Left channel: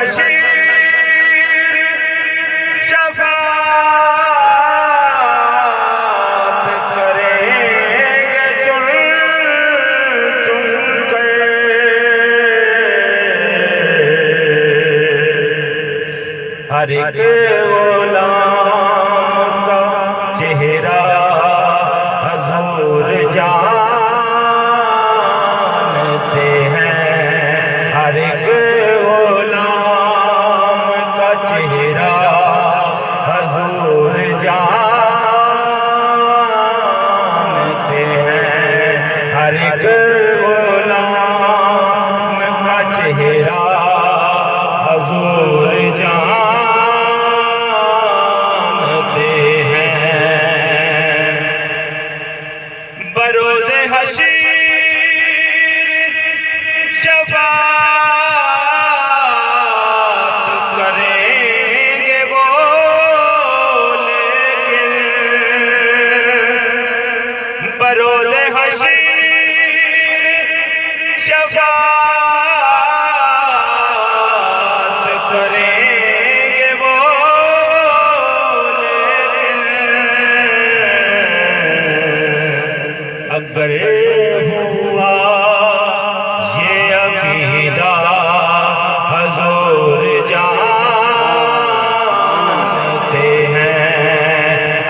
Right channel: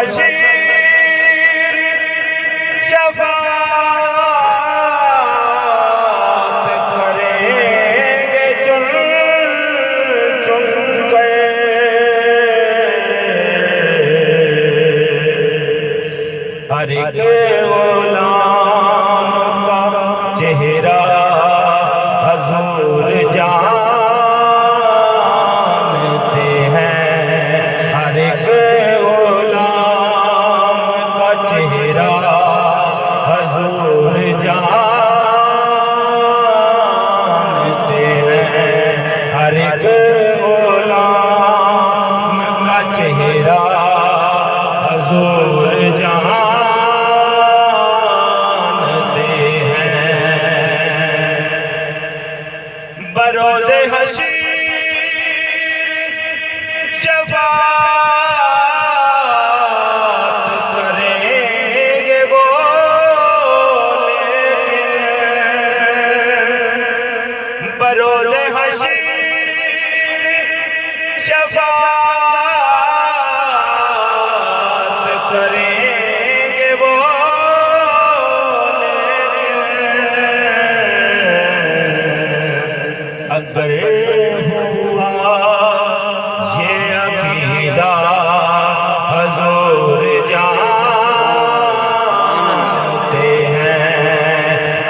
हशीर शफाअत करेंगे चुन चुन कर। हर एक गुलाम का चेहरा हजूर जानते हैं। हर एक गुलाम का चेहरा हजूर जानते हैं। हर एक गुलाम का चेहरा हजूर जानते हैं। बरोज़े हशीर शफाअत करेंगे वो, लेकिन बरोज़े हशीर शफाअत करेंगे वो, लेकिन अगर हुआ ये अकीदा हजूर जानते हैं।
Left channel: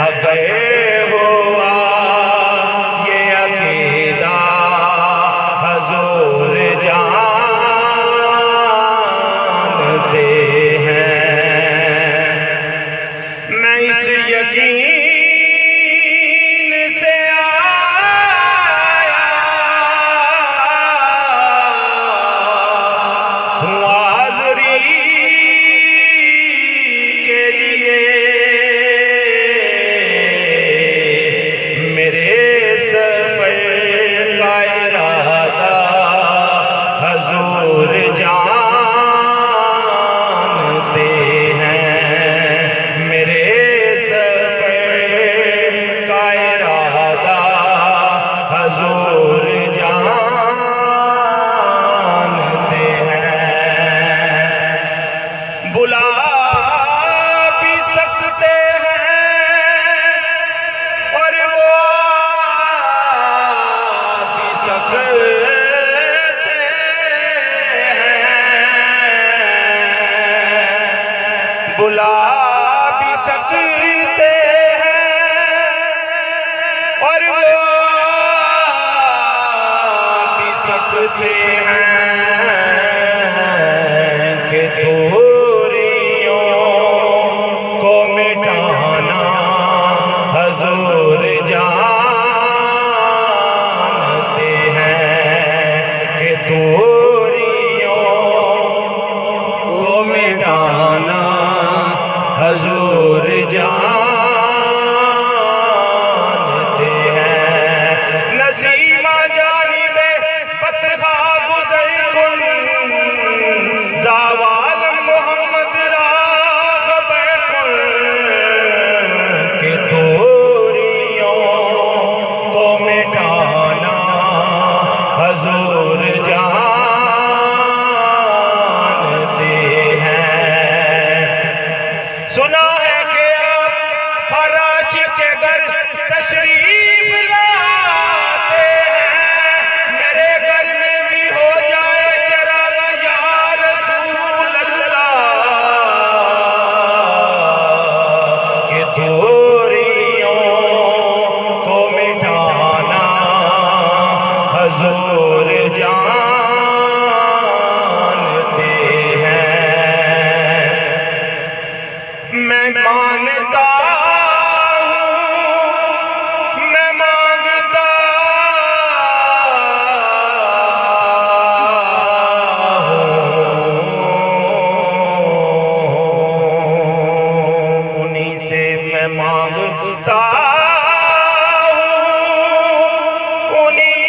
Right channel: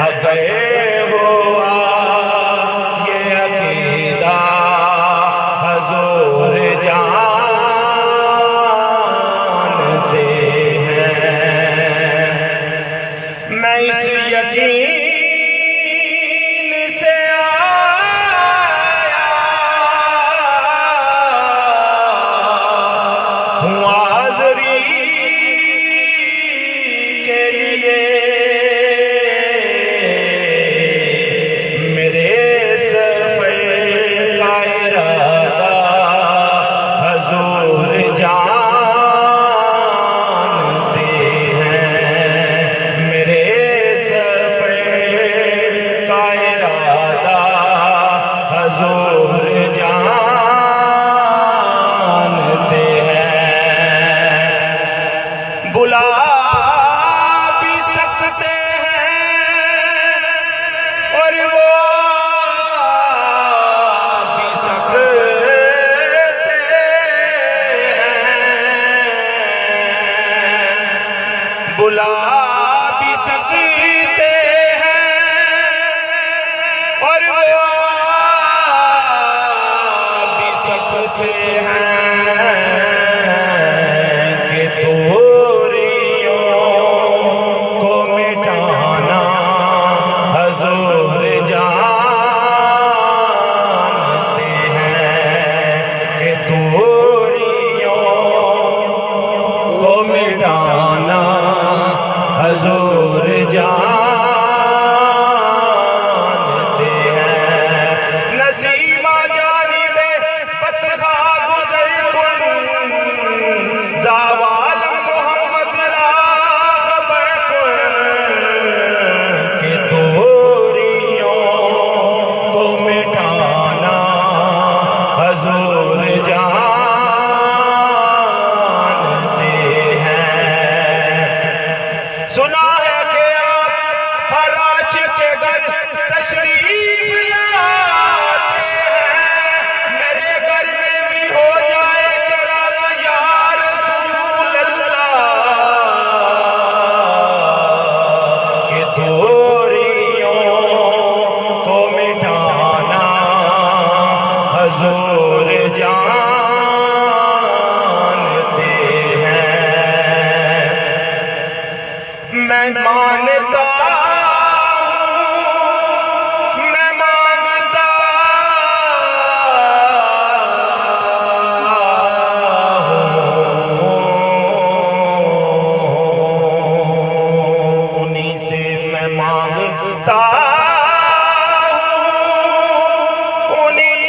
अगर हुआ ये अकीदा हजूर जानते हैं। मैं इस यकीन से आया हूँ हाज़री के लिए। मेरे सफ़र का इरादा हजूर जानते हैं। मेरे सफ़र का इरादा हजूर जानते हैं। बुला भी सकते हैं और वो आ भी सकते हैं। बुला भी सकते हैं और वो आ भी सकते हैं कि दूरियों को मिटाना हजूर जानते हैं। कि दूरियों को मिटाना हजूर जानते हैं। नसीमा जानिबे पत्रखा गुज़र कुल ज़वाल मोहम्मद राह बैकुल के दूरियों को मिटाना हजूर जानते हैं। सुना है कि आप हर आशिक़ के घर तशरीफ लाते हैं। मेरे घर में भी हो जाए चरागा या रसूल अल्लाह। कि दूरियों को मिटाना हजूर जानते हैं। मैं मानता हूँ, मैं मांगता हूँ, उन्हीं से मैं मांगता हूँ, उन्हीं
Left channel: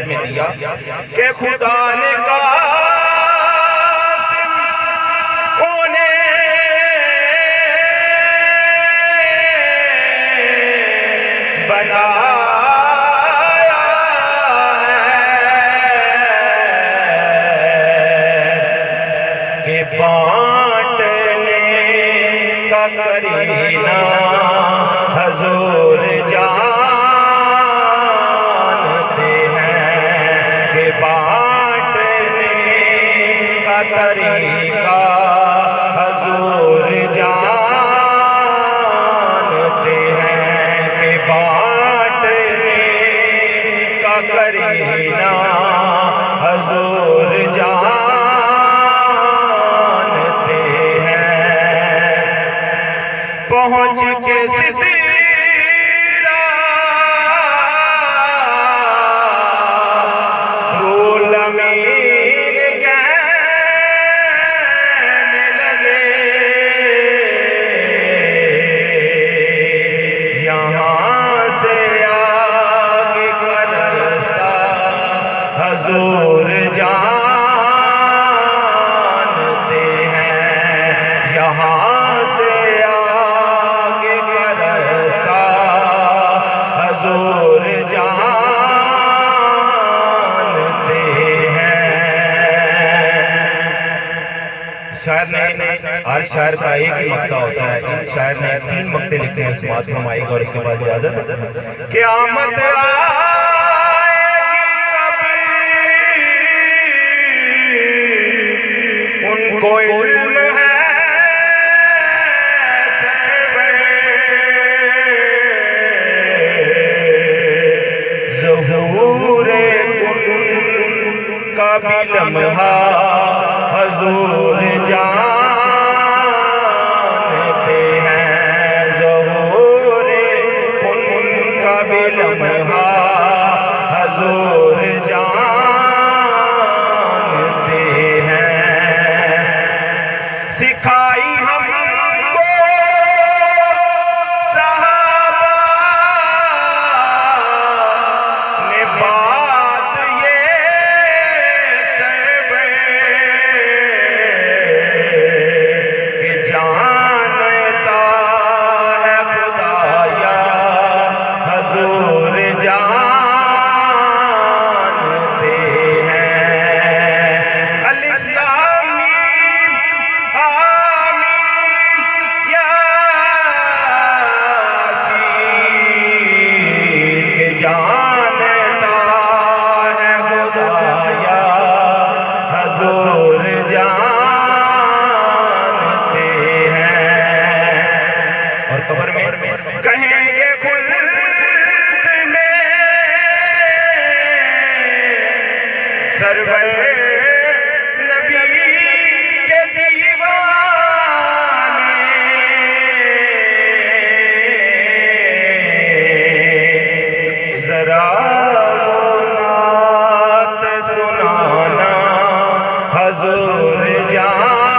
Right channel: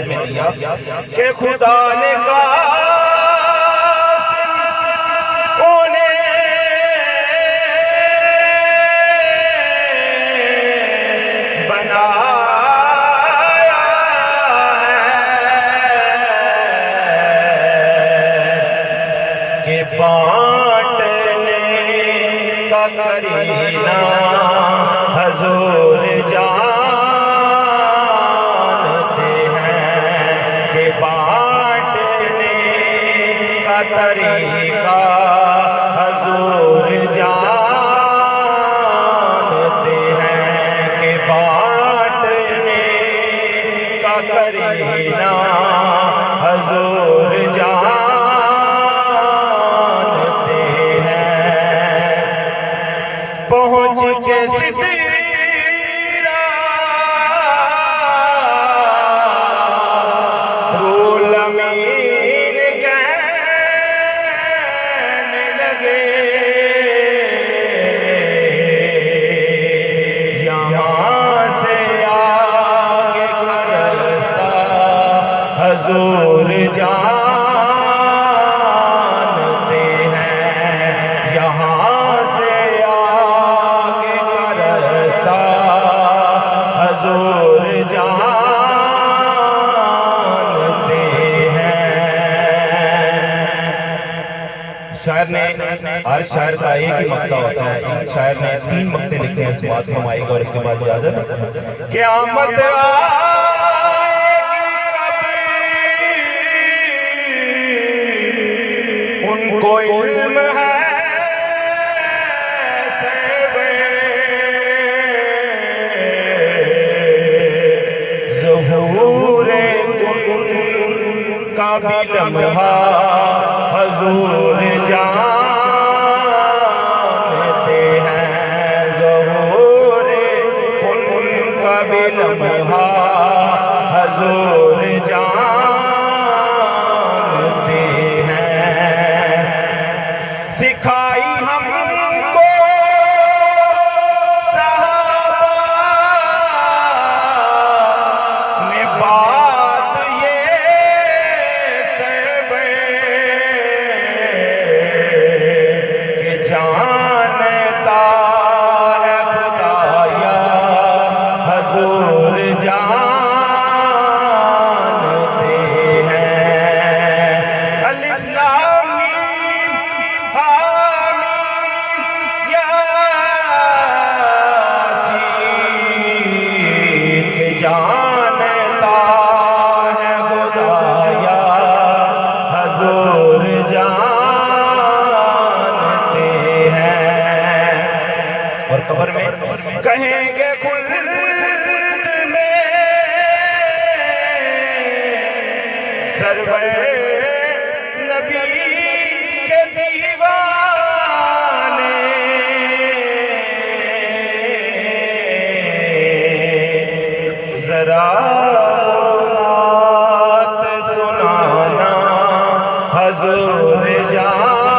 शेर में दिया कि खुदा ने कासिम उन्हें बनाया है कि बांटने का करीना हजूर जानते हैं कि बांटने का तरीका हजूर जानते हैं कि बांटने का करीना हजूर जानते हैं। पहुँच के सिदरा रूल अमीन कहने लगे यहाँ से आगे का रास्ता हजूर जानते हैं। यहाँ से आगे का रास्ता हजूर जानते हैं। शायर ने हर शायर का एक ही मकता होता है। इन शायर ने 3 मकते लिखे हैं, समाज फरमाएगा और इसके बाद इजाजत। क़यामत आएगी कभी उनको इल्म है ज़हूरे का भी लम्हा हजूर जानते हैं। ज़हूरे का भी लम्हा हजूर जानते हैं। सिखाई हमको सहाबा ने बात ये सब कि जानता है खुदाया हजूर जानते हैं। अलिफ लाम मीम हामीम यासीन के जानता है खुदाया हजूर जानते हैं। और कब्र में कहेंगे खुल्द में सरवर नबी के दीवाने जरा बात सुनाना हजूर जान